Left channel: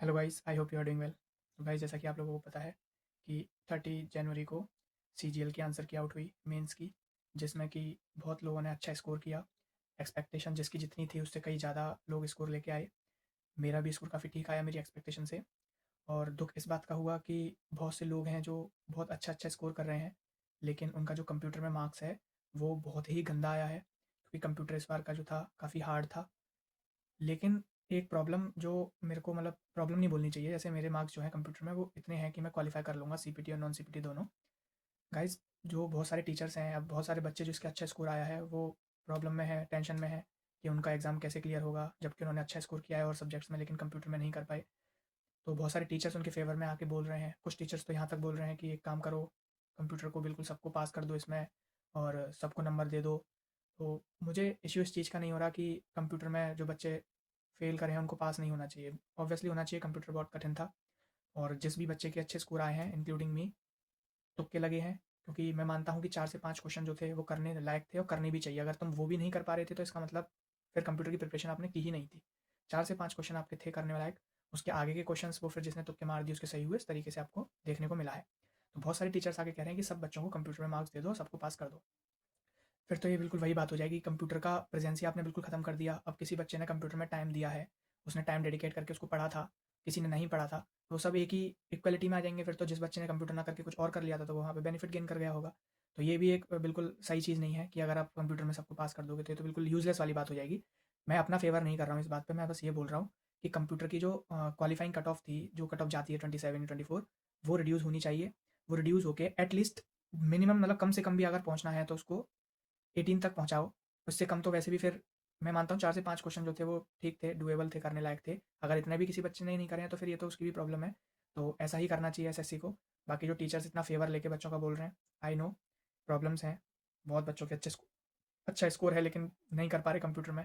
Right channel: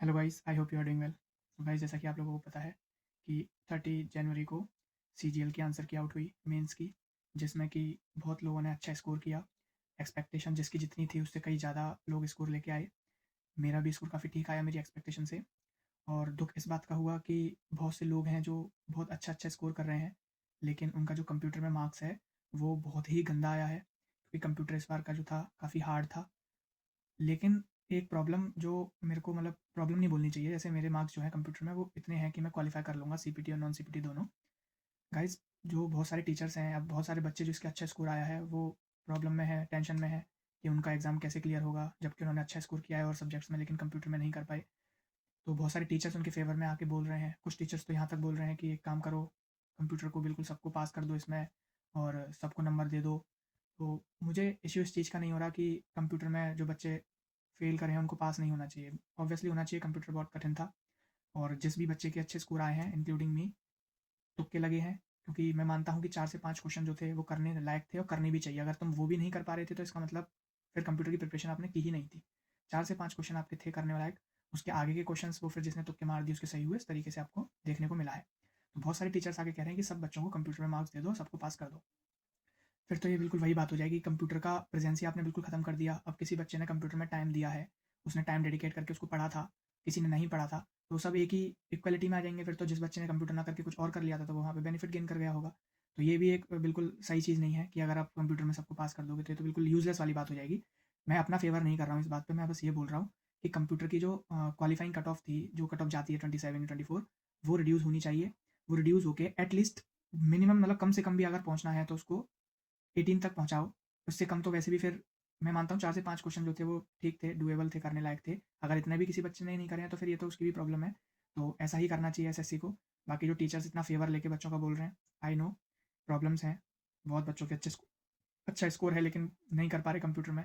Hello guys, I hope you are doing well. तो guys, जैसा कि आप लोगों को पता है कि 30 जनवरी को सीजीएल की आंसर की आउट हुई मेंस की, जिसमें कि बहुत लोगों ने अच्छा स्कोर किया। एक्सपेक्टेशन जिसकी जितनी थी उससे कई ज़्यादा लोग स्कोर लेके आए। मेरा भी स्कोर काफ़ी ठीक आया मेरी एक्सपेक्टेशन से। और दुख इस बात का हुआ कि बहुत से लोग हैं जो बहुत अच्छा अच्छा स्कोर कर रहे हैं, लेकिन उनका जो कंप्यूटर में मार्क्स है वो बहुत ही गंदा आया है, क्योंकि कंप्यूटर इस बार का जो था काफ़ी हार्ड था। लेकिन एक प्रॉब्लम जो मेरे को मतलब प्रॉब्लम नहीं बोलनी चाहिए, जैसे मेरे मार्क्स जो है कंप्यूटर में वो इतने हैं कि मैं क्वालिफाई कर लूँगा सीपीटी और नॉन सीपीटी दोनों। गाइस, जो बहुत सारे टीचर्स हैं, अब बहुत सारे बच्चे जिसके अच्छा स्कोर आया है वो प्रॉब्लम में है, टेंशन में है कि उनका एग्ज़ाम कैसे क्लियर होगा, जबकि उन्होंने अच्छा स्कोर किया है और सब्जेक्ट्स में, लेकिन कंप्यूटर में नहीं कर पाए। तो बहुत सारे टीचर्स उनके फेवर में आके बोल रहे हैं, कुछ टीचर्स तो यहाँ तक बोल रहे हैं कि एक काम करो, कंप्यूटर को बिल्कुल सबको पास कर दो इसमें और सबको नंबर दे दो। तो मुझे इश्यू इस चीज़ का नहीं हो रहा कि कंप्यूटर में जो बच्चे फेल करे हैं उनको पास नहीं होना चाहिए। ऑब्वियसली होना चाहिए, कंप्यूटर बहुत कठिन था। और जिस भी बच्चे के अच्छे स्कोर आए हैं इंक्लूडिंग मी, तुक्के लगे हैं, क्योंकि मैं मानता हूँ कि 4 से 5 क्वेश्चन जो थे वो करने लायक थे और करने भी चाहिए। अगर तुम वो भी नहीं कर पा रहे थे तो इसका मतलब फिर कंप्यूटर की प्रिपरेशन आपने की ही नहीं थी। 4 से 5 क्वेश्चन आपके थे करने लायक, उसके आगे के क्वेश्चन वो फिर जिसने तुक्के मार दिए उसके सही हुए, इस तरीके से आपको देखने को मिला है। तो बहुत सारे टीचर्स आगे कह रहे हैं कि सब बच्चों को कंप्यूटर में मार्क्स दे दो, सबको पास कर दो। फिर तो ये बिल्कुल वही बात हो जाएगी, कंप्यूटर का प्रेजेंस ही आपने बिल्कुल ख़त्म कर दिया। अब किसी बच्चे ने कंप्यूटर में टाइम दिया है, उसने टाइम डेडिकेट करके उसको पढ़ा था, किसी ने नहीं पढ़ा था, तो सब एक ही इक्वलिटी में आ जाएंगे। फिर तो जिस बच्चे ने कंप्यूटर ना करके कुछ और कर लिया था तो वो वहाँ पे बेनिफिट गेन कर गया होगा। तो ये भी एक बिल्कुल सही चीज़ नहीं है कि अगर आप कंप्यूटर में सबको पास कर दोगे तो ये तो बिल्कुल यूजलेस वाली बात हो जाएगी। मैं अपना फेवर नहीं कर रहा हूँ इस बात पे, मैं बस ये बोल रहा हूँ कि कंप्यूटर की जो क्वालिफाइंग कट ऑफ थी, जो कट ऑफ जाती है 27 24, वो रिड्यूस होनी चाहिए। वो रिड्यूस होके एटलीस्ट मिनिमम, मतलब कम से कम भी अगर पहुँचना है तो उसको 18 तक पहुँचाओ। उससे कम तो वैसे भी फिर मैं मानता हूँ 4 से 5 क्वेश्चन जो थे वो ठीक थे, डूएबल थे, करने लायक थे। अगर इतना भी किसी बच्चे ने नहीं करे हैं तो फिर ये तो उसकी भी प्रॉब्लम है। तो ऐसा ही करना चाहिए एसएससी को। बाकी जो टीचर्स इतना फेवर लेके बच्चों का बोल रहे हैं, आई नो प्रॉब्लम्स हैं, बहुत बच्चों के अच्छा स्कोर है लेकिन नहीं कर पा रहे कंप्यूटर में।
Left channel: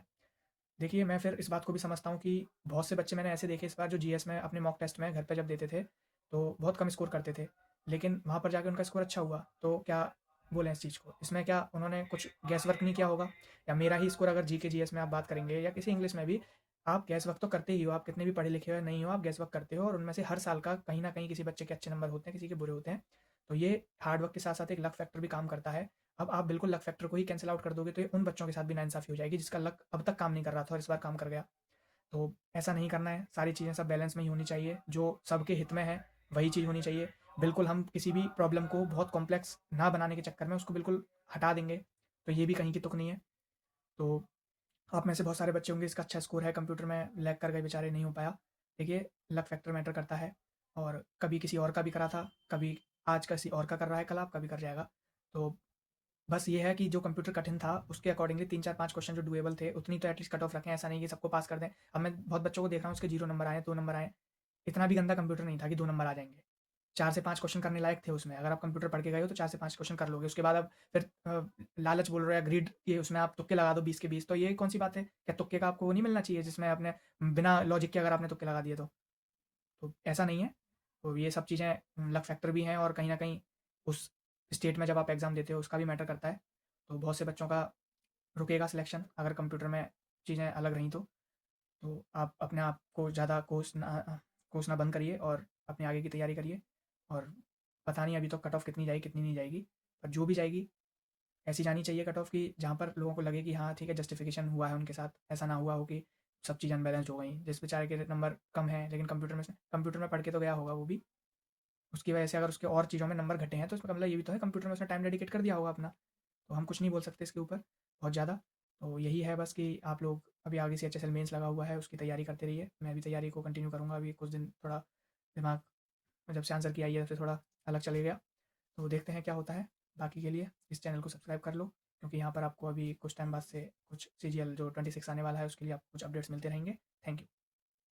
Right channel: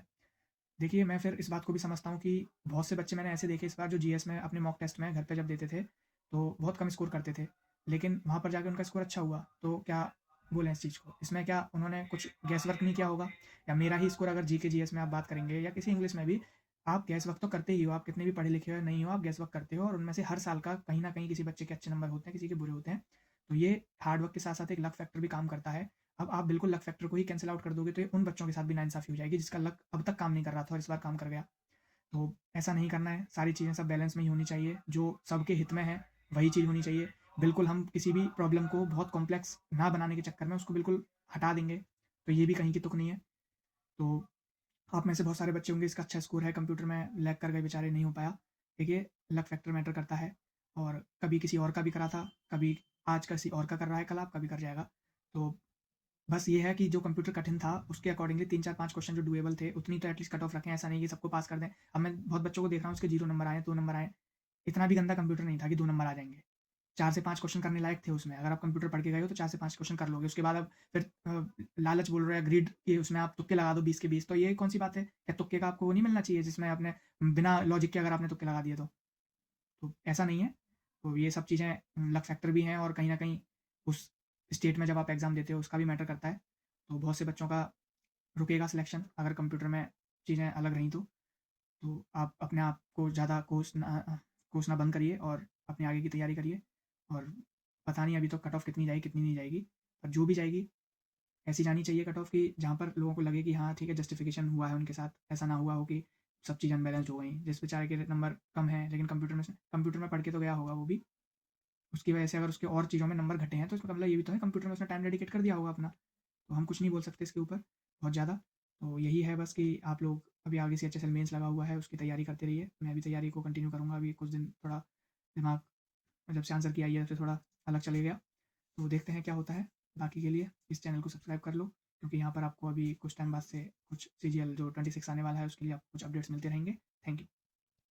देखिए, मैं फिर इस बात को भी समझता हूँ कि बहुत से बच्चे मैंने ऐसे देखे इस बार जो जीएस में अपनी मॉक टेस्ट में घर पे जब देते थे, तो बहुत कम स्कोर करते थे। लेकिन वहाँ पर जाके उनका स्कोर अच्छा हुआ, तो क्या बोलें इस चीज़ को? इसमें क्या उन्होंने कुछ गैस वर्क नहीं किया होगा? या मेरा ही स्कोर अगर जीके जीएस में आप बात करेंगे या किसी इंग्लिश में भी, आप गैस वर्क तो करते ही हो, आप कितने भी पढ़े लिखे हो या नहीं हो, आप गैस वर्क करते हो और उनमें से हर साल का कहीं न कहीं किसी बच्चे के अच्छे नंबर होते हैं, किसी के बुरे होते हैं। तो ये हार्ड वर्क के साथ-साथ एक लक फैक्टर भी काम करता है। अब आप बिल्कुल लक फैक्टर को ही कैंसल आउट कर दोगे तो ये उन बच्चों के साथ भी नाइंसाफ़ी हो जाएगी जिसका लक अब तक काम नहीं कर रहा था और इस बार काम कर गया। तो ऐसा नहीं करना है, सारी चीज़ें सब बैलेंस में ही होनी चाहिए, जो सबके हित में है वही चीज़ होनी चाहिए। बिल्कुल हम किसी भी प्रॉब्लम को बहुत कॉम्प्लेक्स ना बनाने के चक्कर में उसको बिल्कुल हटा देंगे, तो ये भी कहीं की तुक नहीं है। तो आप में से बहुत सारे बच्चे होंगे इसका अच्छा स्कोर है, कंप्यूटर में लैग कर गए बेचारे, नहीं हो पाया। देखिए, लक फैक्टर मैटर करता है और कभी किसी और का भी करा था, कभी आज किसी और का कर रहा है, कल आपका भी कर जाएगा। तो बस ये है कि जो कंप्यूटर कठिन था उसके अकॉर्डिंगली 3 4 5 क्वेश्चन जो डुएबल थे उतनी तो एटलीस्ट कट ऑफ रखें, ऐसा नहीं कि सबको पास कर दें। अब मैं बहुत बच्चों को देख रहा हूँ उसके 0 नंबर आए, 2 नंबर आए। इतना भी गंदा कंप्यूटर नहीं था कि 2 नंबर आ जाएंगे। 4 से 5 क्वेश्चन करने लायक थे उसमें, अगर आप कंप्यूटर पढ़ के गए हो तो 4 से 5 क्वेश्चन कर लोगे। उसके बाद अब फिर लालच बोल रहे हैं ग्रीड के, उसमें आप तुक्के लगा दो 20 के 20, तो ये कौन सी बात है? क्या तुक्के का आपको वो नहीं मिलना चाहिए जिसमें आपने बिना लॉजिक के अगर आपने तुक्के लगा दिए तो ऐसा नहीं है। तो ये सब चीज़ें लक फैक्टर भी हैं और कहीं न कहीं उस स्टेट में जब आप एग्ज़ाम देते हो उसका भी मैटर करता है। तो बहुत से बच्चों का रुकेगा सिलेक्शन अगर कंप्यूटर में चीज़ें अलग रहीं तो। तो आप अपने आप को ज़्यादा कोसना बंद करिए और अपनी आगे की तैयारी करिए। और पता नहीं अभी तो कट ऑफ कितनी जाएगी कितनी नहीं जाएगी, पर जो भी जाएगी ऐसी जानी चाहिए कट ऑफ कि जहाँ पर लोगों को लगे कि हाँ ठीक है, जस्टिफिकेशन हुआ है उनके साथ, ऐसा ना हुआ हो कि सब चीज़ अनबैलेंस्ड हो गई। जिस बेचारे के नंबर कम है लेकिन कंप्यूटर में पढ़ के तो गया होगा वो भी, उसकी वजह से अगर उसके और चीज़ों में नंबर घटे हैं तो इसका मतलब ये भी तो है कंप्यूटर में उसने टाइम डेडिकेट कर दिया होगा अपना। तो हम कुछ नहीं बोल सकते इसके ऊपर बहुत ज़्यादा। तो यही है बस कि आप लोग अभी आगे से एचएसएल मेंस लगा हुआ है, उसकी तैयारी करते रहिए। मैं भी तैयारी को कंटिन्यू करूँगा, अभी कुछ दिन थोड़ा दिमाग जब से आंसर की आई है तो थोड़ा अलग चले गया। तो देखते हैं क्या होता है। बाकी के लिए इस चैनल को सब्सक्राइब कर लो, क्योंकि यहाँ पर आपको अभी कुछ टाइम बाद से कुछ सीजीएल जो 26 आने वाला है उसके लिए आपको कुछ अपडेट्स मिलते रहेंगे। Thank you.